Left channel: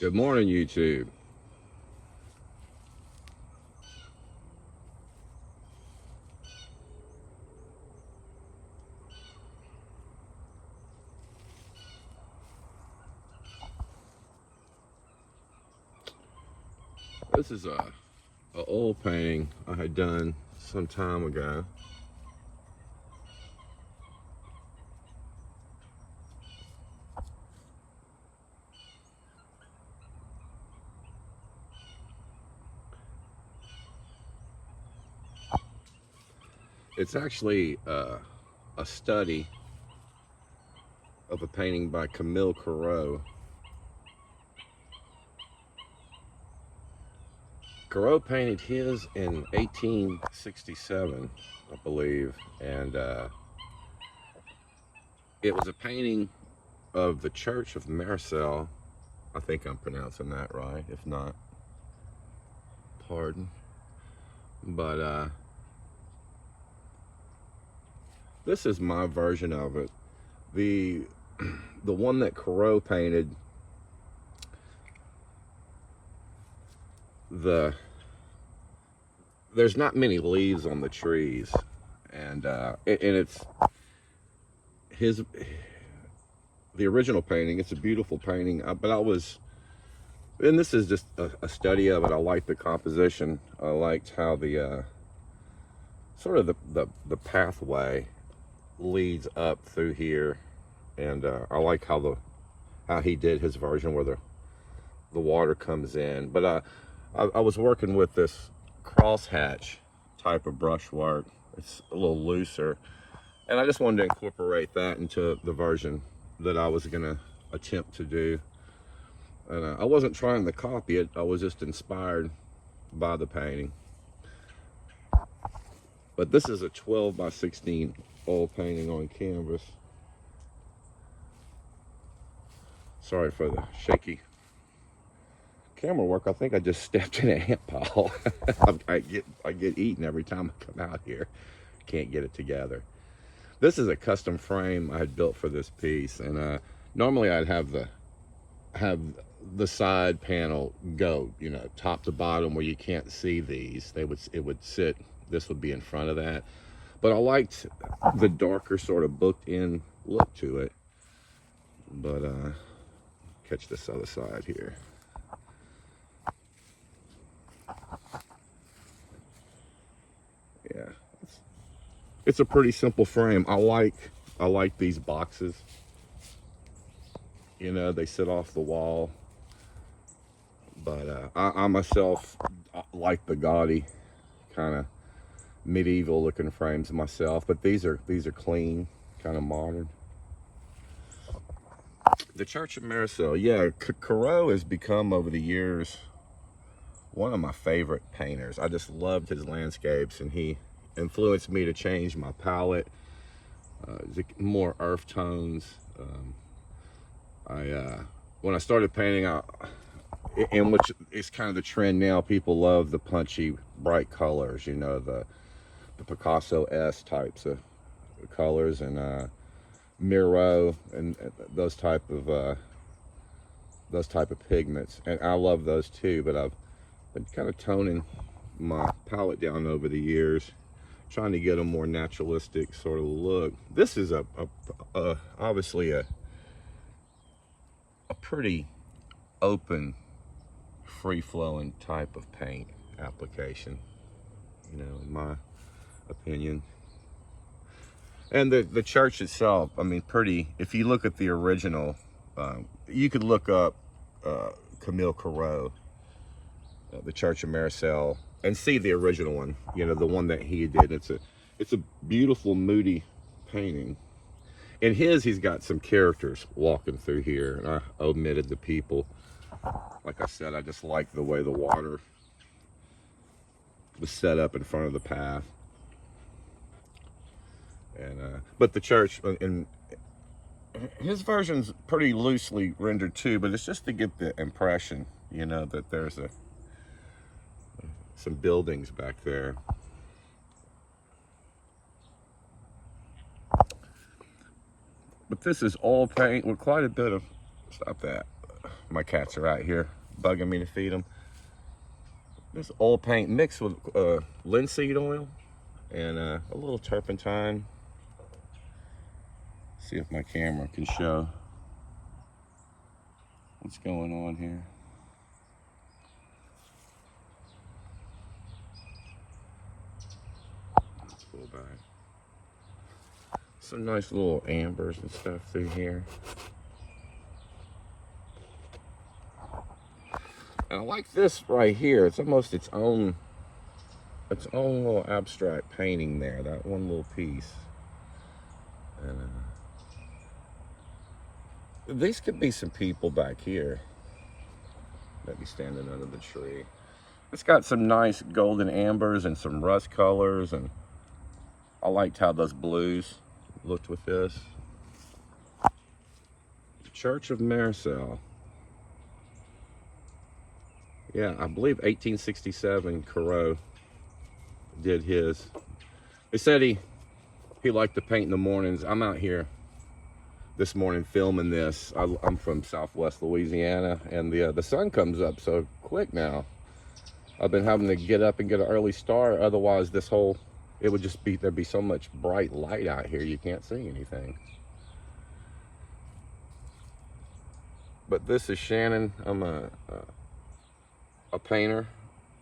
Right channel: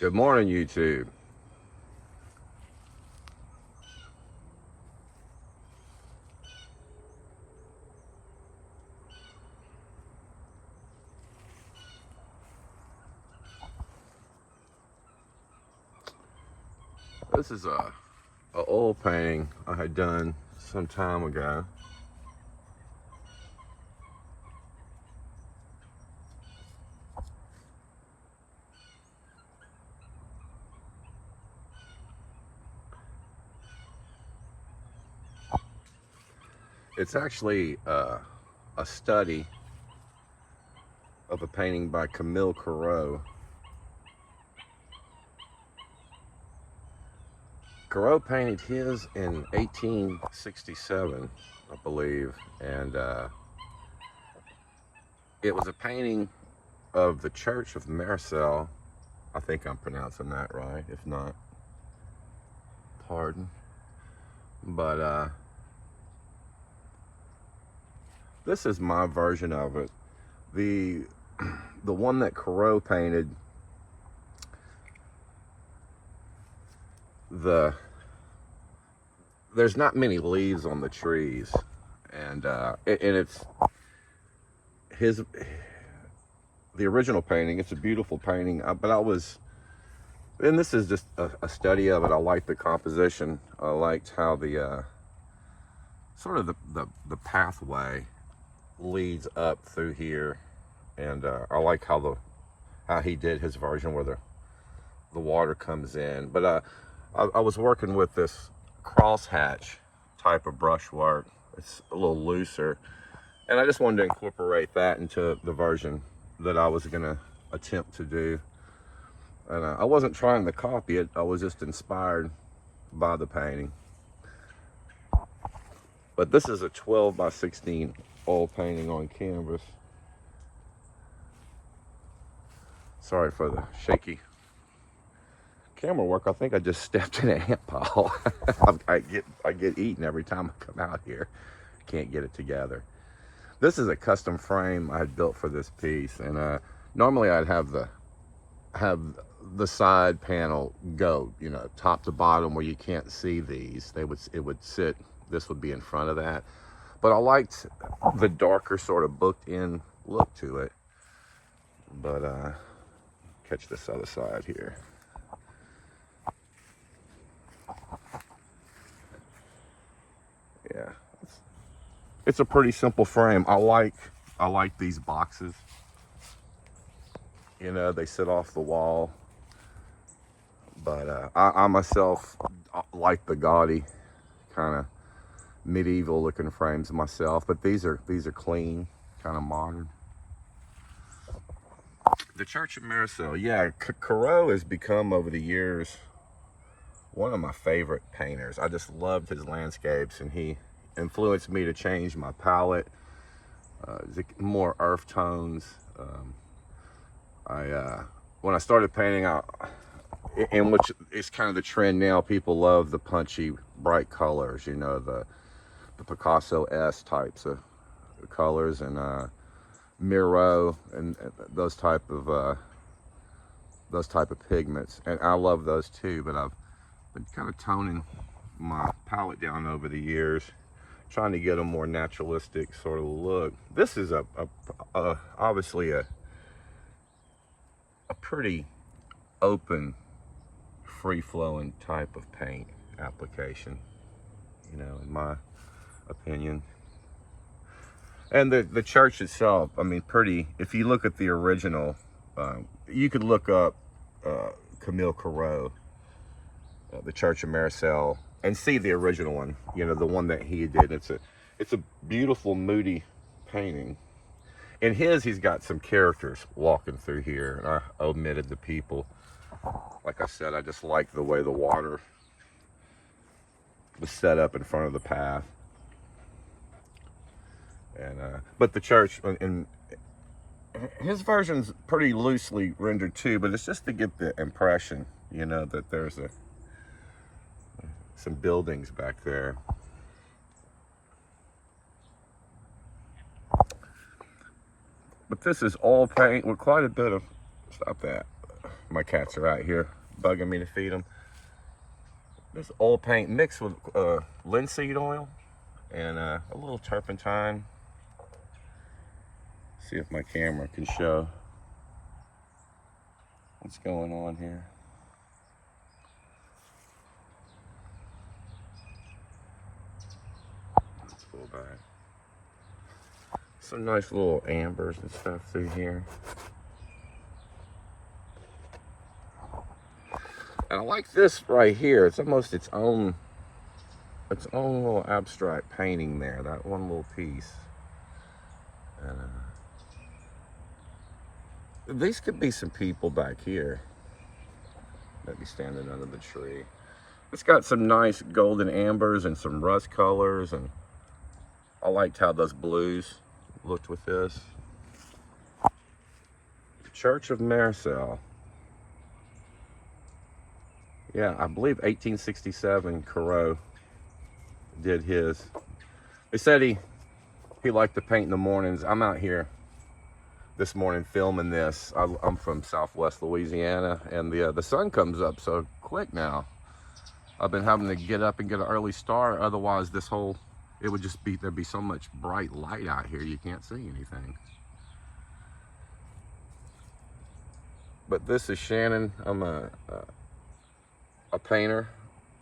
Good morning, YouTube. This is a oil painting I had done some time ago. It's actually a study of a painting by Corot. Corot painted his in 1867, I believe, and it was a painting of the Church of Marissel. I think I'm pronouncing that right. If not, pardon. But this is my version of it. The one that Corot painted, there's not many leaves on the trees, and it's the original painting. It's a beautiful painting, but and this is just a study of it. I liked the composition. I liked how the sort of the pathway leads up through here, and I like how he did his version where the water comes in. But I was working with this crosshatch type of brushwork. It's a little looser, and I just wanted to incorporate that into the version that I was gonna attempt to do. And I wasn't trying to copy it. I was just inspired by the painting. But this is a 12 by 16 oil painting on canvas. Sorry for the shaky camera work. I think I just stepped in an ant pile. I get eaten every time I come out here. Can't get it together. This is a custom frame I had built for this piece, and normally I'd have the side panel go, top to bottom where you can't see these. It would sit. This would be in front of that. But I liked the darker sort of booked in look to it. But catch this other side here. Yeah, it's a pretty simple frame. I like these boxes. They sit off the wall. But I myself like the gaudy kind of medieval looking frames myself. But these are clean, kind of modern. The Church of Marissel, yeah, Corot has become over the years one of my favorite painters. I just loved his landscapes, and he influenced me to change my palette, more earth tones. When I started painting, in which is kind of the trend now, people love the punchy, bright colors. The Picasso-esque types of colors, and Miro and those type of pigments, and I love those too. But I've been kind of toning my palette down over the years, trying to get a more naturalistic sort of look. This is obviously a pretty open, free-flowing type of paint application, in my opinion. And the church itself, I mean, if you look at the original, you could look up Corot, the Church of Marissel, and see the original one, the one that he did. It's a beautiful, moody painting. In he's got some characters walking through here, and I omitted the people. Like I said, I just like the way the water was set up in front of the path. And but the church, and his version's pretty loosely rendered too, but it's just to get the impression, that there's some buildings back there. But this is all paint with quite a bit of, stop that, My cats are out here bugging me to feed them. This oil paint mixed with linseed oil and a little turpentine. See if my camera can show what's going on here. Let's pull back. Some nice little ambers and stuff through here. And I like this right here. It's almost its own little abstract painting there. That one little piece. These could be some people back here that be standing under the tree. It's got some nice golden ambers and some rust colors, and I liked how those blues looked with this. Church of Marissel. Yeah, I believe 1867 Corot did his. They said he liked to paint in the mornings. I'm out here this morning filming this. I'm from Southwest Louisiana, and the sun comes up so quick now. I've been having to get up and get an early start. Otherwise, it would just be, there'd be so much bright light out here you can't see anything. But this is Shannon. I'm a painter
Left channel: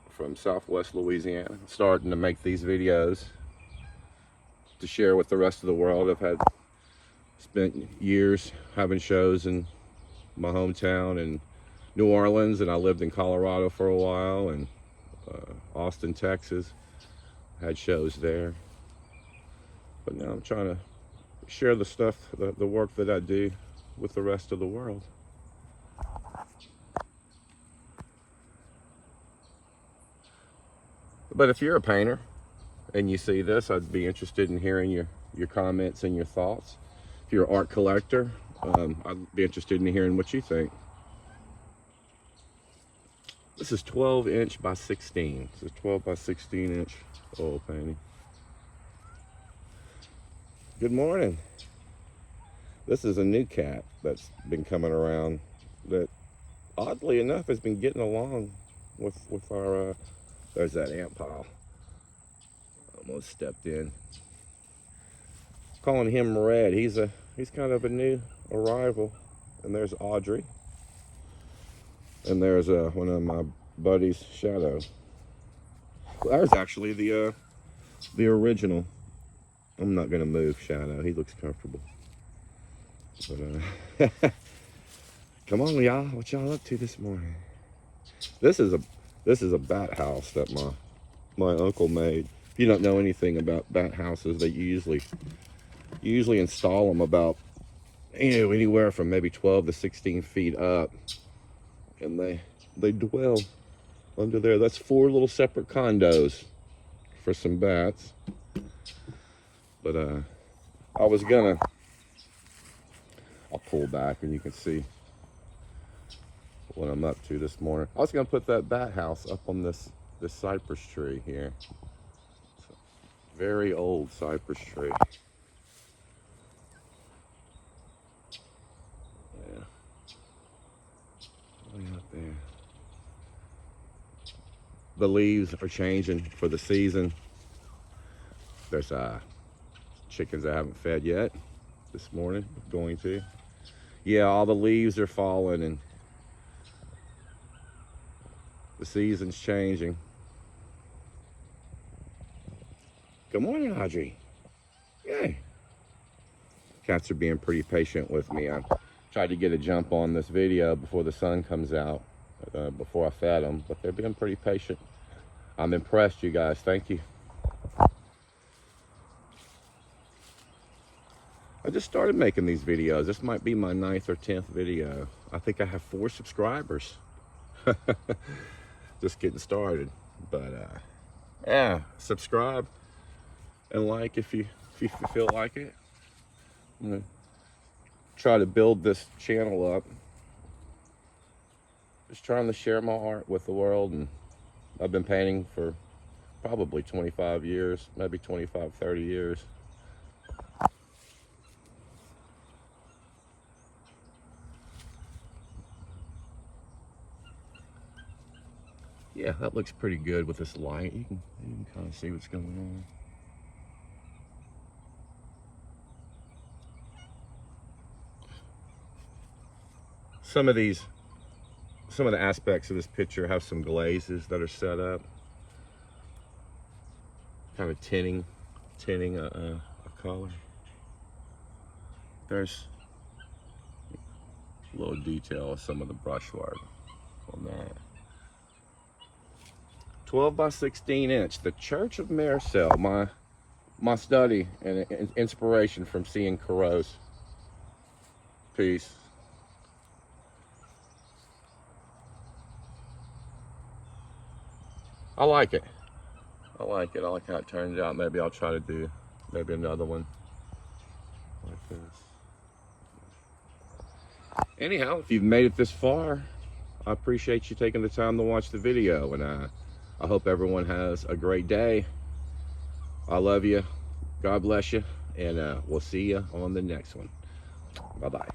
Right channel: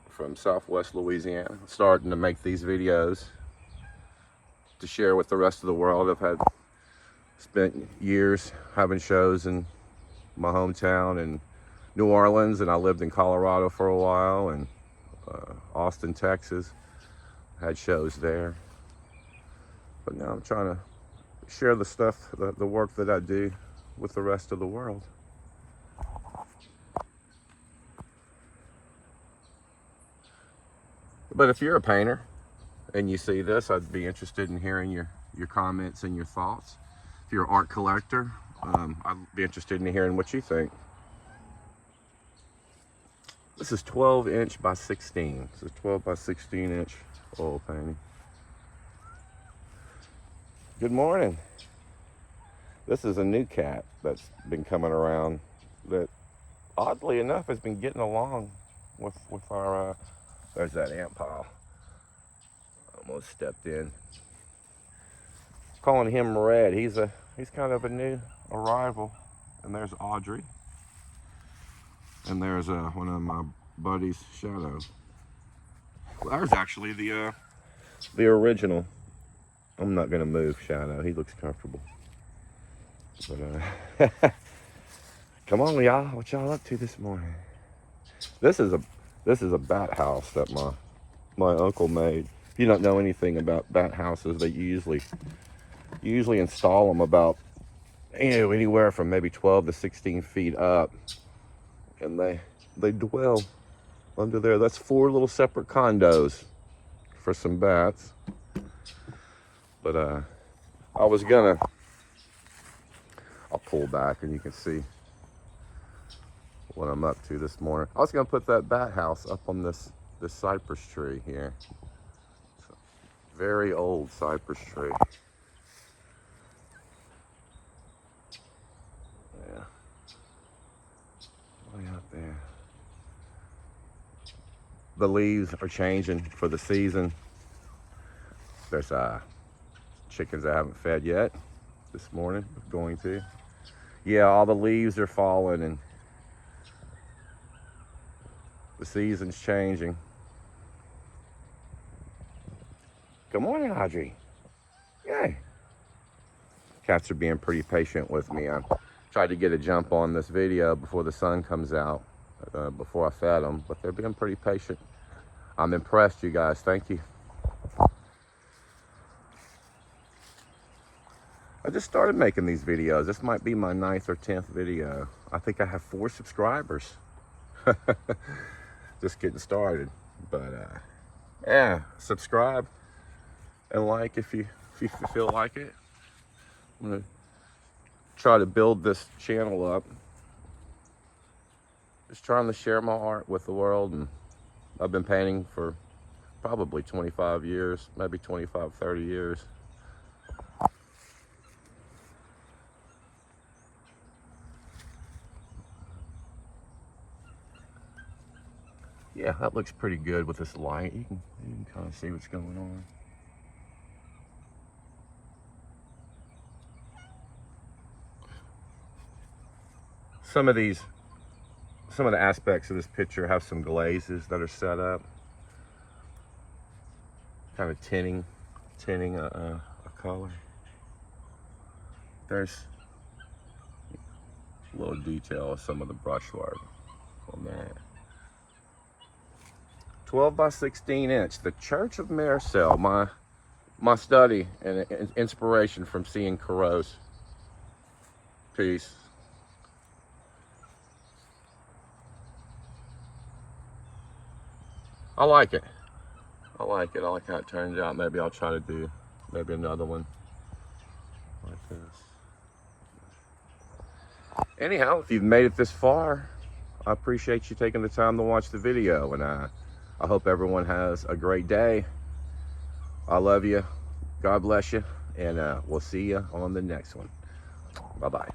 from Southwest Louisiana, starting to make these videos to share with the rest of the world. I've spent years having shows in my hometown in New Orleans, and I lived in Colorado for a while, and Austin, Texas. Had shows there. But now I'm trying to share the stuff, the work that I do with the rest of the world. But if you're a painter and you see this, I'd be interested in hearing your comments and your thoughts. If you're an art collector, I'd be interested in hearing what you think. This is 12 inch by 16. It's a 12 by 16 inch oil painting. Good morning. This is a new cat that's been coming around that, oddly enough, has been getting along with our, there's that ant pile. Almost stepped in. Calling him Red. He's kind of a new arrival. And there's Audrey. And there's one of my buddies, Shadow. Well, there's actually the original. I'm not gonna move Shadow. He looks comfortable. But come on, y'all. What y'all up to this morning? This is a bat house that my uncle made. If you don't know anything about bat houses, they usually install them about, anywhere from maybe 12 to 16 feet up, and they dwell under there. That's 4 little separate condos for some bats. But I'll pull back and you can see what I'm up to this morning. I was gonna put that bat house up on this cypress tree here. Very old cypress tree. Yeah. Way out there. The leaves are changing for the season. There's chickens I haven't fed yet this morning. Going to. Yeah, all the leaves are falling and the season's changing. Good morning, Audrey. Yay. Cats are being pretty patient with me. I tried to get a jump on this video before the sun comes out, before I fed them, but they're being pretty patient. I'm impressed, you guys. Thank you. I just started making these videos. This might be my 9th or 10th video. I think I have 4 subscribers. Just getting started. But yeah, subscribe and like if you feel like it. I'm gonna try to build this channel up. Just trying to share my art with the world, and I've been painting for probably 25 years, maybe 25, 30 years. Yeah, that looks pretty good with this light. You can kind of see what's going on. Some of the aspects of this picture have some glazes that are set up, kind of tinting a color. There's a little detail of some of the brushwork on that. 12 by 16 inch, the Church of Marissel, my study and inspiration from seeing Corot's piece. I like it. I like it. I like how it turns out. Maybe I'll try to do maybe another one like this. Anyhow, if you've made it this far, I appreciate you taking the time to watch the video, and I hope everyone has a great day. I love you. God bless you, and we'll see you on the next one. Bye-bye.